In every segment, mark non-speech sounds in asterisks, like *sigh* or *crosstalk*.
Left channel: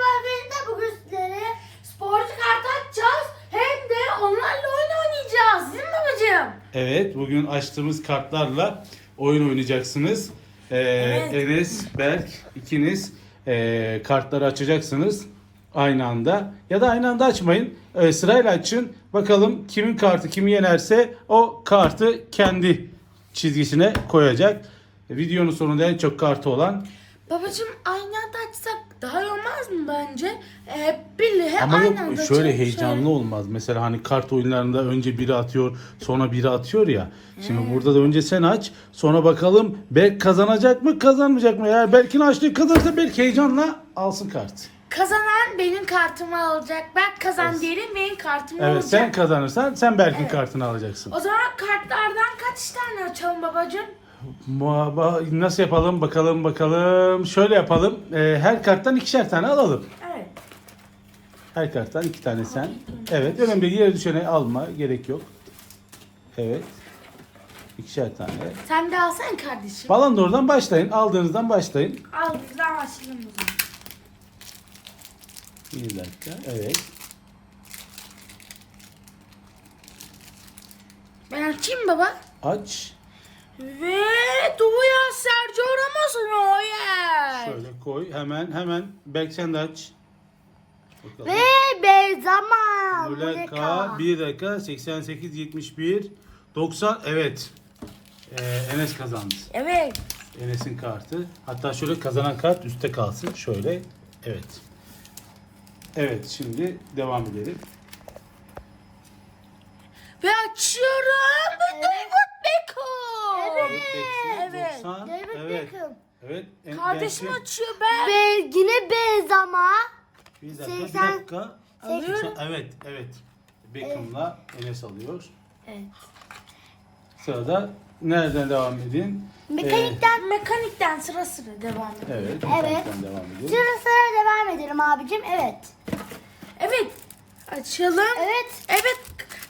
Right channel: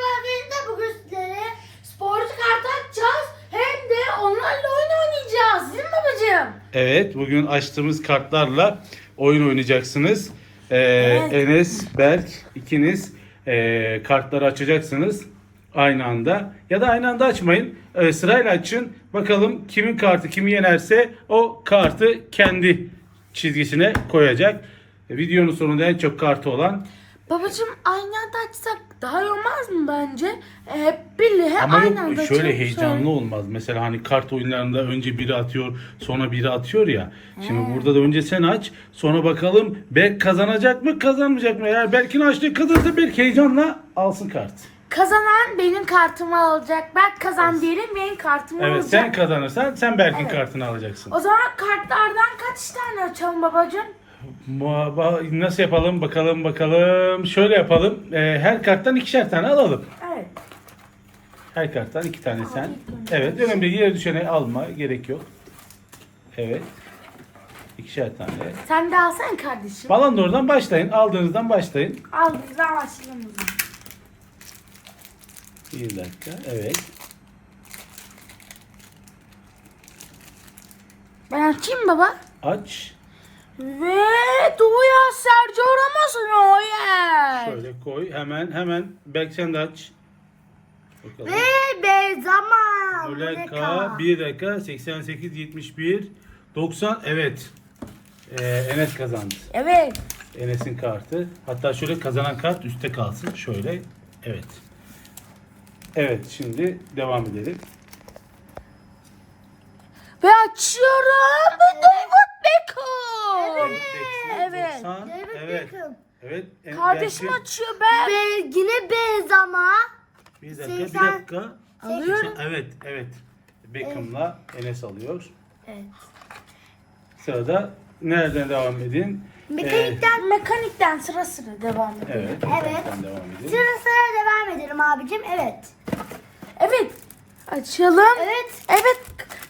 Merhaba arkadaşlar bugün sizlere sporcu kart açacağız. Hem de onlarla oyun oynayacağız. Değil mi babacığım? Evet, bugün açtığımız kartlarla oyun oynayacaksınız. Ee, Enes, Berk ikiniz ee, kartları açacaksınız aynı anda. Ya da aynı anda açmayın. Ee, sırayla açın. Bakalım kimin kartı kimi yenerse o kartı kendi çizgisine koyacak. E, videonun sonunda en çok kartı olan Babacığım aynı anda daha iyi olmaz mı bence? Ee, Hep birlikte Ama aynı yok anda şöyle açalım. heyecanlı olmaz. Mesela hani kart oyunlarında önce biri atıyor, sonra biri atıyor ya. Şimdi burada da önce sen aç, sonra bakalım Berk kazanacak mı, kazanmayacak mı? Eğer Berk'in açtığı kazanırsa Berk heyecanla alsın kart. Kazanan benim kartımı alacak. Ben kazan diyelim benim kartımı Evet, alacak. sen kazanırsan sen Berk'in kartını alacaksın. O zaman kartlardan kaç tane açalım babacığım? Muhaba nasıl yapalım bakalım bakalım. Şöyle yapalım. Ee, her karttan ikişer tane alalım. Evet. Her karttan iki tane sen. Evet, önemli değil. Yere düşene alma, gerek yok. Evet. İkişer tane. Sen de alsan kardeşim. Balon oradan başlayın. Aldığınızdan başlayın. Al bizden başlayalım o zaman. Bir dakika. Evet. Ben açayım baba. Aç. Ve Duya Sergio Ramos Royer. Şöyle koy. Hemen hemen. Belki sen de aç. Bakalım. Ve Benzema. Muleka 1 dakika 88 71 90 evet. Ee, Enes kazandı. Evet. Enes'in kartı. Hatta şöyle kazanan kart üstte kalsın. Şöyle. Evet. Evet şimdi devam edelim. Ve açıyorum. Ve Beckham. Evet. Evet. 90. David Evet. Beckham. Evet. En- Kardeşim belki- açıyor be. Ve yine Benzema. Bir dakika, bir Seksen- dakika. Alıyorum. Evet, evet. Beckham'la Enes alıyor. Evet. Sırada nereden devam edin? Mekanikten Mekanikten sıra sıra devam Ee, edelim. evet. Evet. mekanikten devam edin. sıra sıra devam edelim abicim. Evet. Evet. Açalım. Evet. Evet.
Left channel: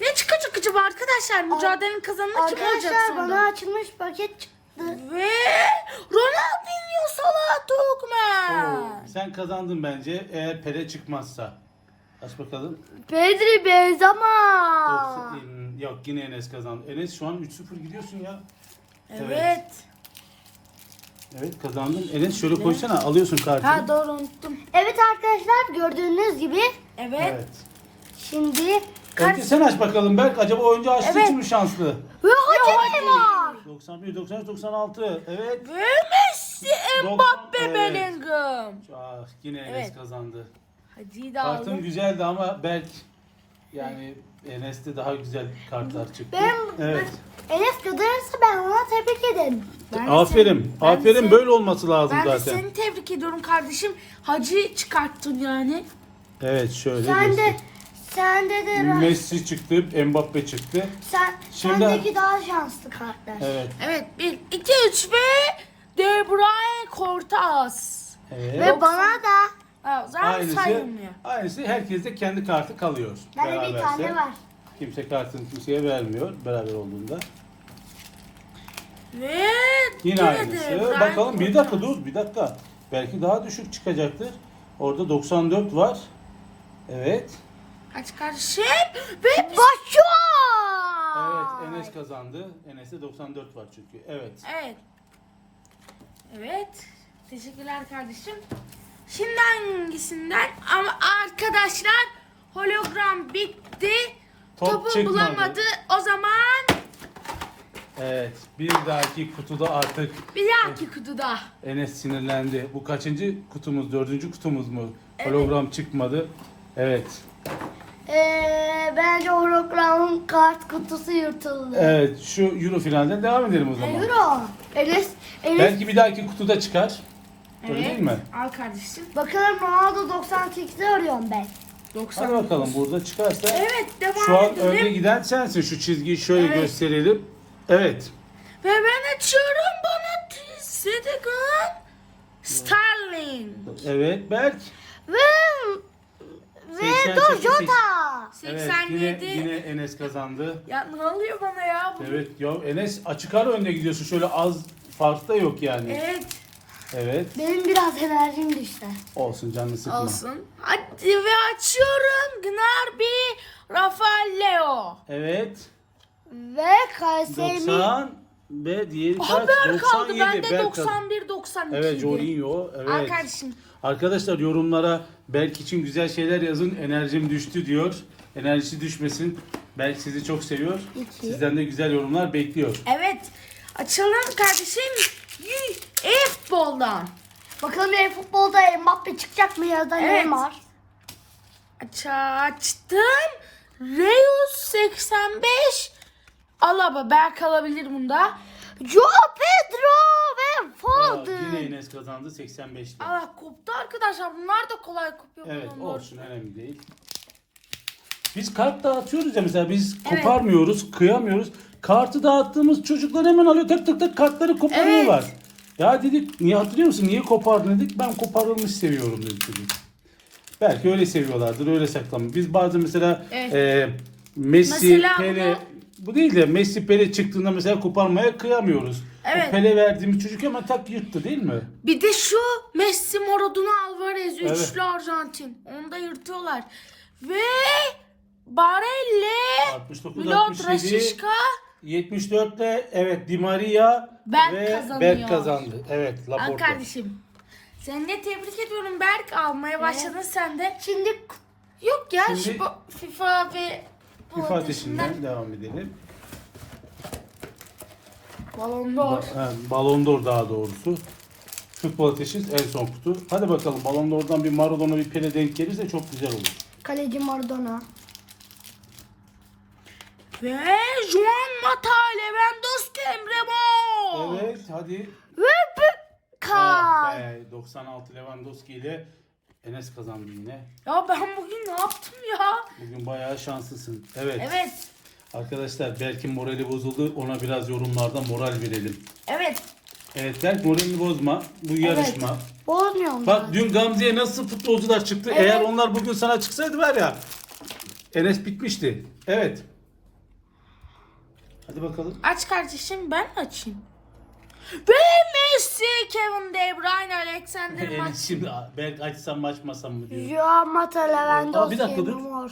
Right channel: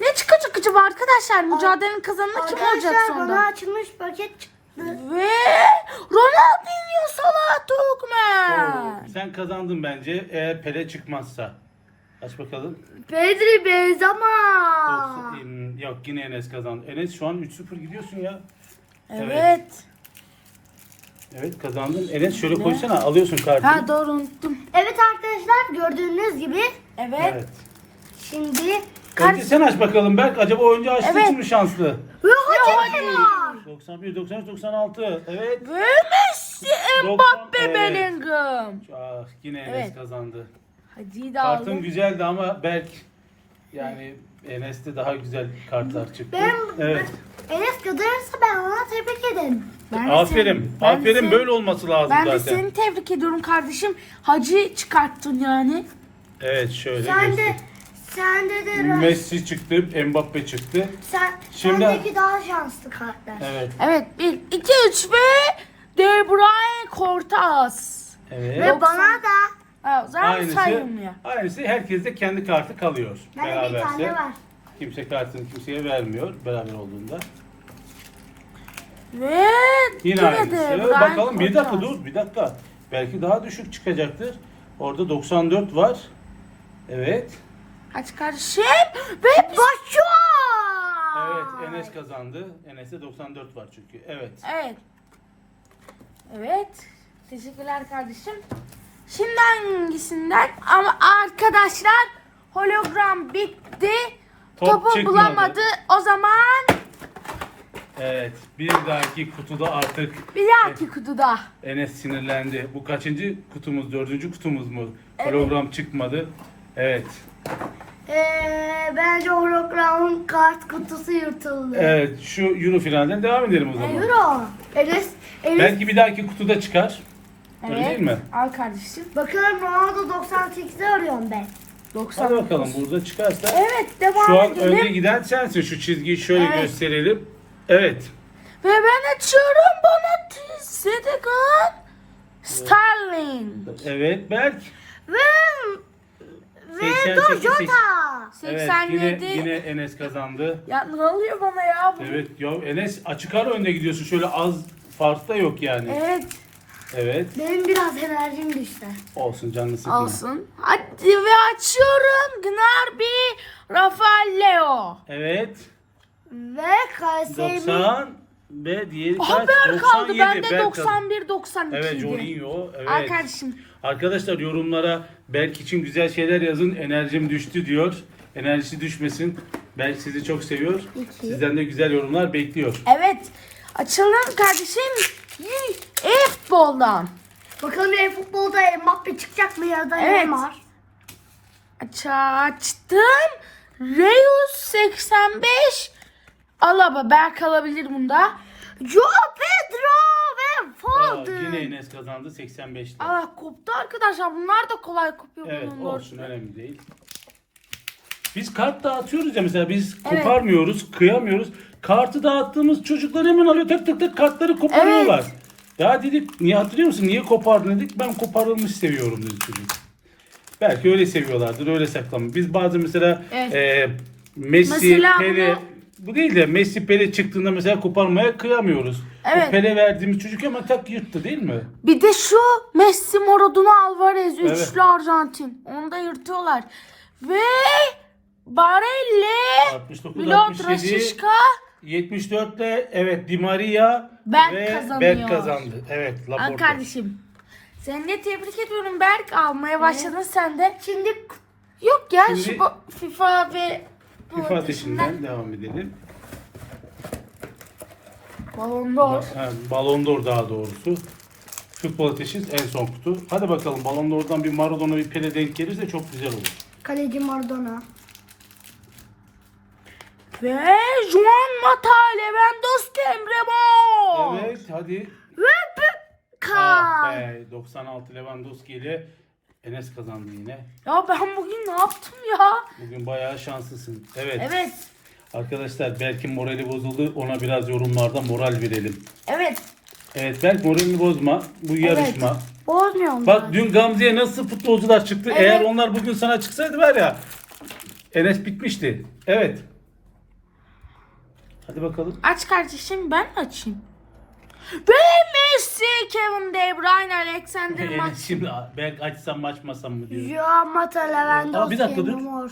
Ne çıkacak acaba arkadaşlar? Mücadelenin kazananı kim olacak Arkadaşlar bana açılmış paket çıktı. Ve Ronaldinho Salah. Oo, sen kazandın bence eğer Pele çıkmazsa. Aç bakalım. Pedri Benzema. Yoksa- Yok yine Enes kazandı. Enes şu an 3-0 gidiyorsun ya. Evet. Evet kazandın. Enes şöyle koysana alıyorsun Ben kartını. doğru unuttum. Evet arkadaşlar gördüğünüz gibi Evet. Evet. şimdi Önce sen aç bakalım Berk. Acaba oyuncu açtığı Evet. mi şanslı? ve Hakimi var. 91, 93, 96. Evet. Ve Messi, 90, Mbappe, evet. Bellingham. Ah, yine Enes Evet. kazandı. Hadi de Kartın güzeldi ama Berk yani Enes'te daha güzel kartlar çıktı. Benim- Evet. Enes kazanırsa ben ona tebrik ederim. Ben de Aferin. seni- ben Aferin seni- böyle olması lazım Ben de zaten. seni tebrik ediyorum kardeşim. Hacı çıkarttın yani. Evet şöyle Sen de göster. Sende de Messi çıktı, Mbappe çıktı. sen Şimdi- sendeki daha şanslı kartlar. Evet. Evet. 1, 2, 3 ve De Bruyne Cortaz. Evet. Ve bana da Ha, zaten Aynısı, saymıyor. aynısı herkeste kendi kartı kalıyor. bende bir Beraberse. tane var. Kimse kartını kimseye vermiyor beraber olduğunda. Ve Yine aynısı. Bruyne Bakalım bir dakika Cortaz. dur bir dakika. Belki daha düşük çıkacaktır. Orada 94 var. Evet. Aç kardeşim. Ve Başua! Evet Enes kazandı. Enes'te 94 var çünkü. Evet. Evet. Evet. Teşekkürler kardeşim. Şimdi hangisinden? Ama arkadaşlar hologram bitti. Top Topu çıkmadı. bulamadı. O zaman Evet. Bir dahaki kutuda artık bir dahaki kutuda. Enes sinirlendi. Bu kaçıncı kutumuz? Dördüncü kutumuz mu? Hologram çıkmadı. Evet. Ee, bence hologramın kart kutusu yırtıldı. Evet. Şu Euro finalden devam edelim o zaman. Euro. Enes, Enes. Belki bir dahaki kutuda çıkar. Öyle değil mi? Al kardeşim. Bakalım Ronaldo 98'i arıyorum ben. 90. Hadi bakalım burada çıkarsa. Evet devam Şu an edelim. önde giden sensin. Şu çizgiyi şöyle Evet. gösterelim. Evet. Ve ben açıyorum bana Zedegan Sterling. Evet Berk. Ve ve 88. Dojota. Evet 87. yine yine Enes kazandı. Ya ne oluyor bana ya? bu? Evet ya Enes açık ara önde gidiyorsun. Şöyle az fark da yok yani. Evet. Evet. Benim biraz enerjim düştü. Olsun canını sıkma. Alsın. Hadi ve açıyorum. Gnarby Rafael Leo. Evet. Ve Kayseri 90 ve diğeri kaç? Haber kaldı 97. bende Berk kazandı. 91 92. Evet Jorginho. Evet. Arkadaşım. Arkadaşlar yorumlara Berk için güzel şeyler yazın. Enerjim düştü diyor. Enerjisi düşmesin. Berk sizi çok seviyor. İki. Sizden de güzel yorumlar bekliyor. Evet. Açalım kardeşim. E-futboldan. Bakalım benim futbolda Mbappe çıkacak mı ya da Evet. Neymar? Aç açtım. Reus 85. Alaba Berk alabilir bunda. Joao Pedro ve Aa, Foden. yine Enes kazandı 85'te. Aa koptu arkadaşlar. Bunlar da kolay kopuyor. Evet Bunlar. olsun önemli değil. Biz kart dağıtıyoruz ya mesela biz koparmıyoruz, kıyamıyoruz. Kartı dağıttığımız çocuklar hemen alıyor tık tık tık kartları koparıyorlar. Ya dedik niye hatırlıyor musun niye kopardın dedik ben koparılmış seviyorum dedi çocuk. Belki öyle seviyorlardır öyle saklanmış. Biz bazı mesela Evet. e, Messi, Mesela Pele bu değil de Messi Pele çıktığında mesela koparmaya kıyamıyoruz. Evet. O Pele verdiğimiz çocuk ama tak yırttı değil mi? Bir de şu Messi, Maradona, Alvarez Evet. üçlü Arjantin. Onu da yırtıyorlar. Ve Barella, 69 Milot 67 Rashica, 74'te evet Di Maria Berk ve kazanıyor. Berk kazandı. Evet Laporte. kardeşim. Seni de tebrik ediyorum Berk. Almaya başladın sen de. Şimdi Yok ya Şimdi- şu FIFA ve FIFA ateşinden devam edelim. Balon d'Or. Ha, Ballon d'Or daha doğrusu. Futbol ateşi en son kutu. Hadi bakalım Ballon d'Or'dan bir Maradona bir Pele denk gelirse çok güzel olur. kaleci Maradona. Ve Juan Mata, Lewandowski, Emre Mor. Evet hadi. Ve Ah Kay. be, 96 Lewandowski ile Enes kazandı yine. Ya ben bugün ne yaptım ya? Bugün bayağı şanslısın. Evet. Evet. Arkadaşlar Berk'in morali bozuldu. Ona biraz yorumlarda moral verelim. Evet. Evet Berk moralini bozma. Bu yarışma. Bozmuyorum Bak ben. dün Gamze'ye nasıl futbolcular çıktı. Eğer onlar bugün sana çıksaydı var ya Enes bitmişti. Evet. Hadi bakalım. Aç kardeşim ben mi açayım? Ve Messi, Kevin De Bruyne, Alexander *laughs* Enes şimdi Berk açsam mı açmasam mı diyor. Joao Mata, Lewandowski, Aa, bir dakika dur. Mor.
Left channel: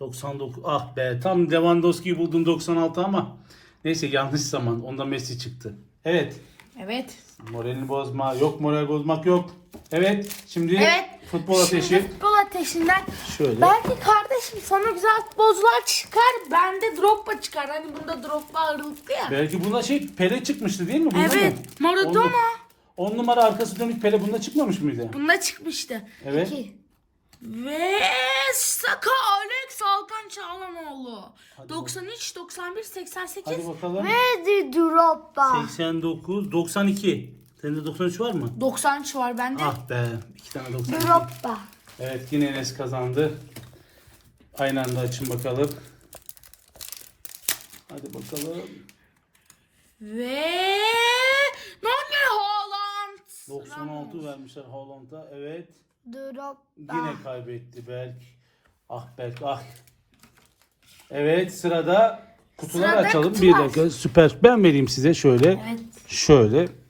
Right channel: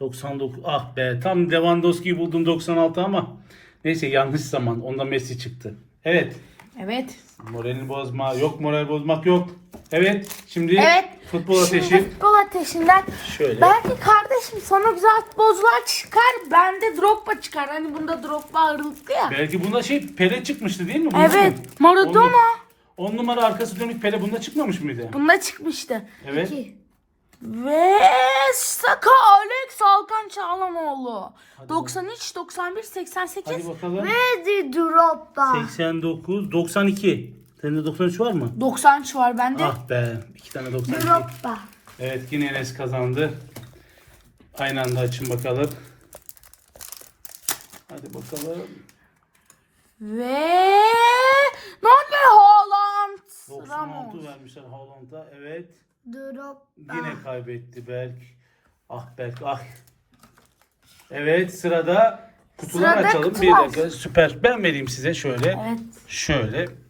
99. Ah be tam Lewandowski'yi buldum 96 ama neyse yanlış zaman. Onda Messi çıktı. Evet. Evet. Moralini bozma. Yok moral bozmak yok. Evet. Şimdi Evet. Futbol ateşi. Şimdi futbol ateşinden. Şöyle. Belki kardeşim sana güzel futbolcular çıkar. Bende Drogba çıkar. Hani bunda Drogba ağırlıklı ya. Belki bunda şey Pele çıkmıştı değil mi? Bunda Evet. mı? Maradona. 10 numara arkası dönük Pele bunda çıkmamış mıydı? Bunda çıkmıştı. Evet. İki. Ve Saka Alex Alkan Çağlanoğlu. Hadi 93, 91, 88. Hadi bakalım. Ve Drogba. 89, 92. Sende 93 var mı? 93 var bende. Ah be. iki tane 92. Drogba. Evet yine Enes kazandı. Aynı anda açın bakalım. Hadi bakalım. Ve Nonne Haaland. 96 vermişler Haaland'a. Evet. Drogba. Yine kaybetti Berk. Ah Berk ah. Evet sırada kutular Sırada açalım. Bir dakika süper. Ben vereyim size şöyle. Evet. Şöyle.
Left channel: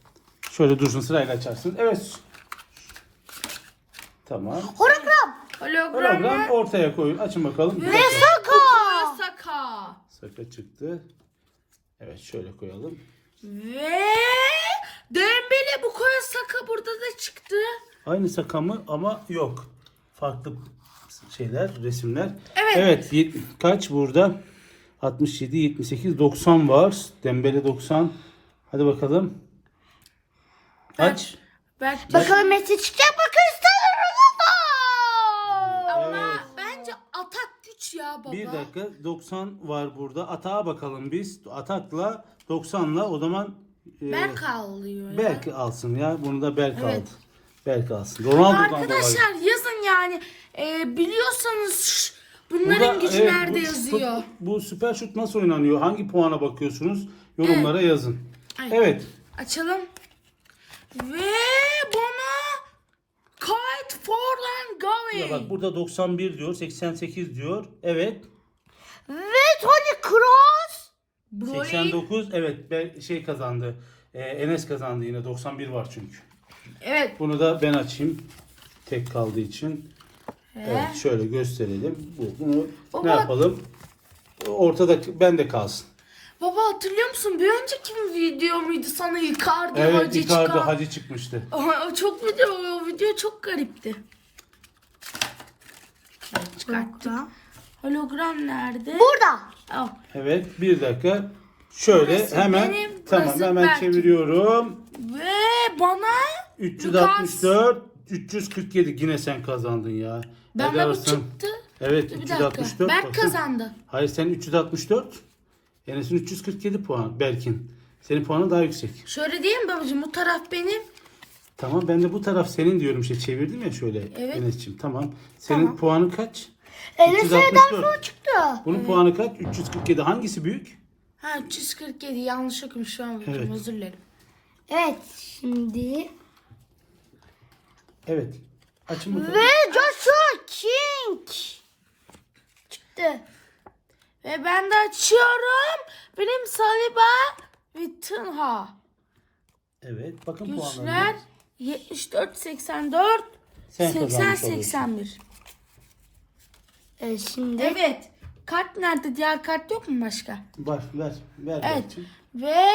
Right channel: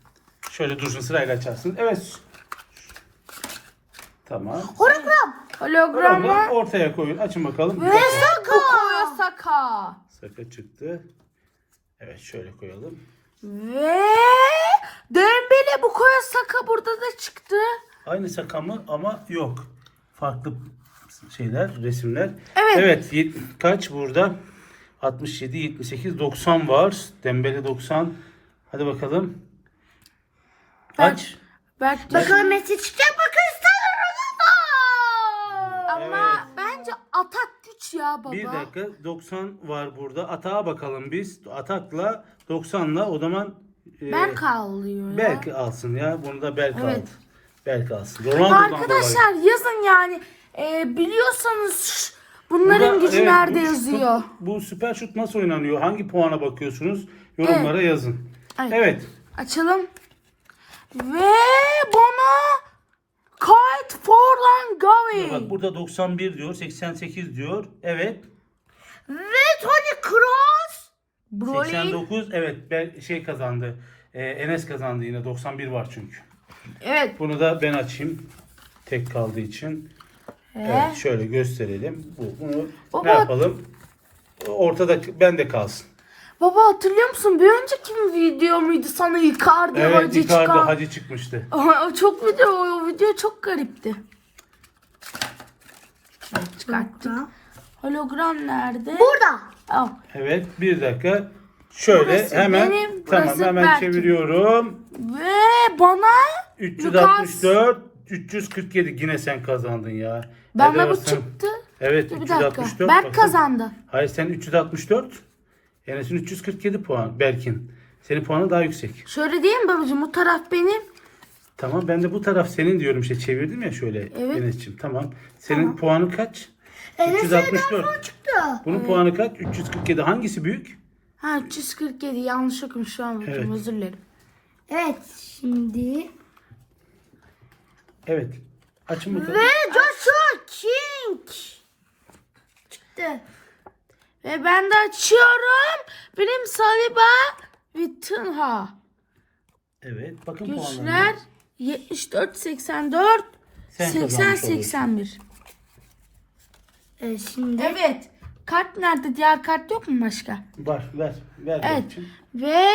Şöyle dursun sırayla açarsın. Evet. Tamam. Hologram. Hologram var. ortaya koyun. Açın bakalım. Bir Ve dakika. Saka. Saka. Saka çıktı. Evet şöyle koyalım. Ve Dembele Bukayo Saka burada da çıktı. Aynı Saka mı ama yok. Farklı şeyler, resimler. Evet. Evet. yet- kaç burada? 67, 78, 90 var. Dembele 90. Hadi bakalım. Kaç? Belki Bakalım Messi çıkacak mı Cristiano Ronaldo? ama bence atak güç ya baba. Bir dakika 90 var burada. Atağa bakalım biz. Atakla 90'la o zaman e, Berk alıyor ya. Berk alsın ya. Bunu da Berk Evet. aldı. Berk alsın. Ronaldo'dan dolayı. Arkadaşlar yazın yani. Ee, biliyorsanız bunların Burada, gücü evet, nerede bu yazıyor. şut- bu süper şut nasıl oynanıyor? Hangi puana bakıyorsunuz? Yorumlara yazın. Ay. Evet. Açalım. Ve bana Kite Forlan Gavi. Bak burada 91 diyor, 88 diyor. Evet. Ve Toni Kroos. Bruyne. 89 evet ben şey kazandı. Ee, Enes kazandı yine 91 var çünkü. Evet. Bunu da ben açayım. Tek kaldığı için. Evet şöyle gösterelim. Bu- Bunu Baba. ne yapalım? Ortada bende kalsın. Baba hatırlıyor musun? Bir önceki video muydu sana Icardi Evet hacı Icardi çıkan? hacı çıkmıştı. Aha, çok video, o video çok garipti. Çıkarttık. Hologram nerede? Burada. Al. Evet bir dakika. Şöyle Burası hemen benim, tamam hemen Berk'in. çeviriyorum. Ve bana 364 347 yine sen kazandın ya. ben de bu çıktı. Evet Bir dakika. 364. Berk kazandı. Hayır sen 364. Enes'in 347 puan Berk'in. Senin puanın daha yüksek. Şöyle diyeyim babacığım bu taraf benim. Tamam ben de bu taraf senin diyorum işte çevirdim ya şöyle Evet. Enes'ciğim tamam. Senin puanın kaç? Enes'e 364. çıktı. Bunun puanı kaç? 347. Hangisi büyük? Ha 347 yanlış okumuş şu an bakayım Evet. özür dilerim. Evet şimdi. Evet. Açın bakalım. Ve Joshua King. Çıktı. Ve ben de açıyorum. Benim Saliba ve Tınha. Evet. Bakın puanlarına. Güçler 74 84 Sen 80 kazanmış oluyorsun. 81. Evet şimdi. Evet. Kart nerede? Diğer kart yok mu başka? Var ver. Ver Evet. Ve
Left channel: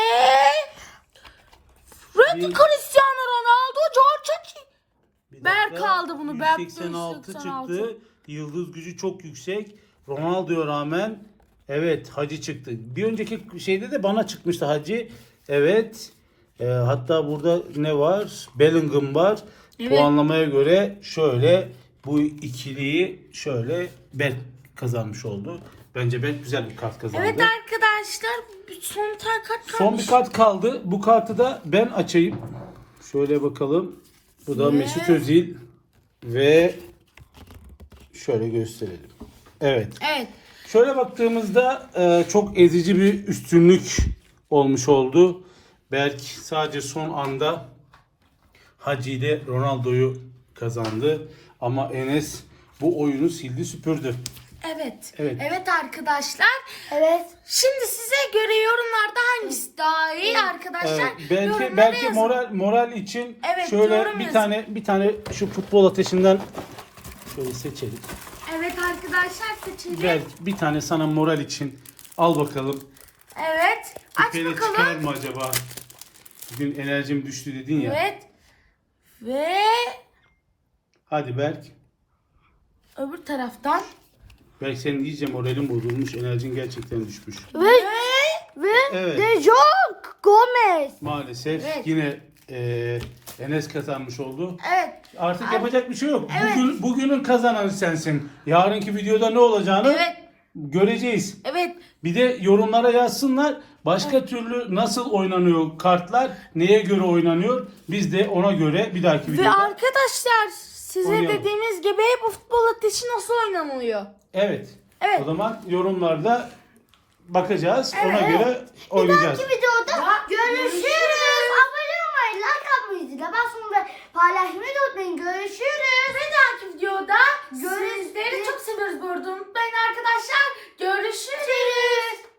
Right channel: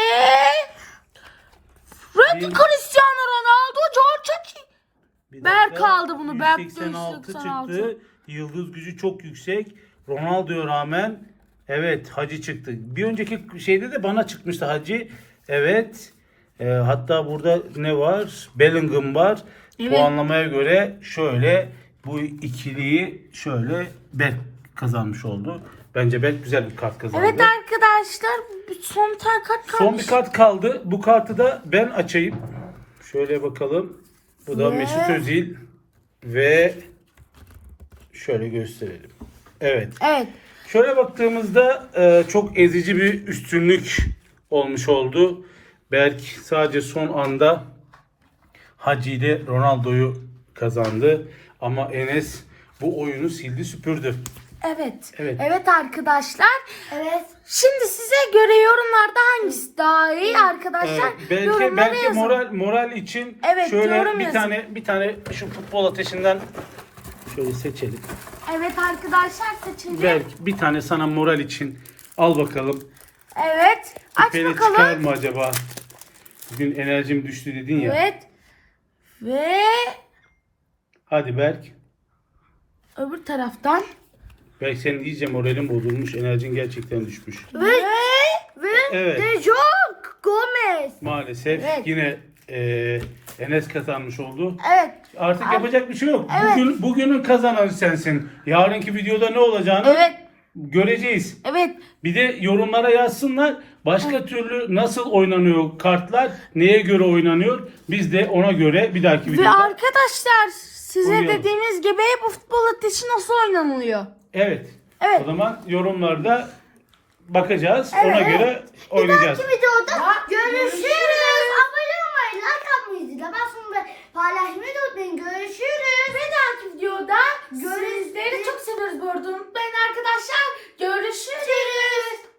Randy Bir- Cristiano Ronaldo George Bir Berk dakika. aldı bunu, Berk 186 186. çıktı. Yıldız gücü çok yüksek. Ronaldo'ya rağmen evet Hacı çıktı. Bir önceki şeyde de bana çıkmıştı Hacı. Evet. Ee, hatta burada ne var? Bellingham var. Evet. Puanlamaya göre şöyle bu ikiliyi şöyle Berk kazanmış oldu. Bence Berk güzel bir kart kazandı. Evet arkadaşlar bir son tar kart kalmış. Son bir kart kaldı. Bu kartı da ben açayım. Şöyle bakalım. Bu da Ve- Mesut Özil ve şöyle gösterelim. Evet. Evet. Şöyle baktığımızda e, çok ezici bir üstünlük olmuş oldu. Berk sadece son anda Hacı ile Ronaldo'yu kazandı. Ama Enes bu oyunu sildi süpürdü. Evet. Evet. Evet arkadaşlar. Evet. Şimdi size göre yorumlarda hangisi daha iyi arkadaşlar? Ee, belki belki yazın. moral moral için Evet, şöyle bir yazın. tane bir tane şu futbol ateşinden şöyle seçelim. Evet arkadaşlar seçince. Belki bir tane sana moral için al bakalım. Evet. Aç İperi bakalım. çıkar mı acaba? Bugün enerjim düştü dedin ya. Evet. Ve Hadi Berk. öbür taraftan. Berk senin iyice moralin bozulmuş. Enerjin gerçekten düşmüş. Ve ve Evet. De Jong Gomez. Maalesef Evet. yine e, Enes kazanmış oldu. Evet. Artık yapacak bir şey yok. Bugün bugünün kazananı sensin. Yarınki videoda ne olacağını Evet. göreceğiz. Evet. Bir de yorumlara yazsınlar. Başka türlü nasıl oynanıyor kartlar? Neye göre oynanıyor? Biz de ona göre bir dahaki Ve videoda. arkadaşlar size Oynayalım. dediğimiz gibi bu futbol ateşi nasıl oynanılıyor? Evet. Evet. O zaman yorumlarda bakacağız. Evet, Ona evet. göre oynayacağız. Bir videoda Ya, görüşürüz. Paylaşmayı da unutmayın. Görüşürüz. Bir dahaki videoda Görüşürüz. sizleri çok seviyoruz bu arada unutmayın arkadaşlar. Görüşürüz.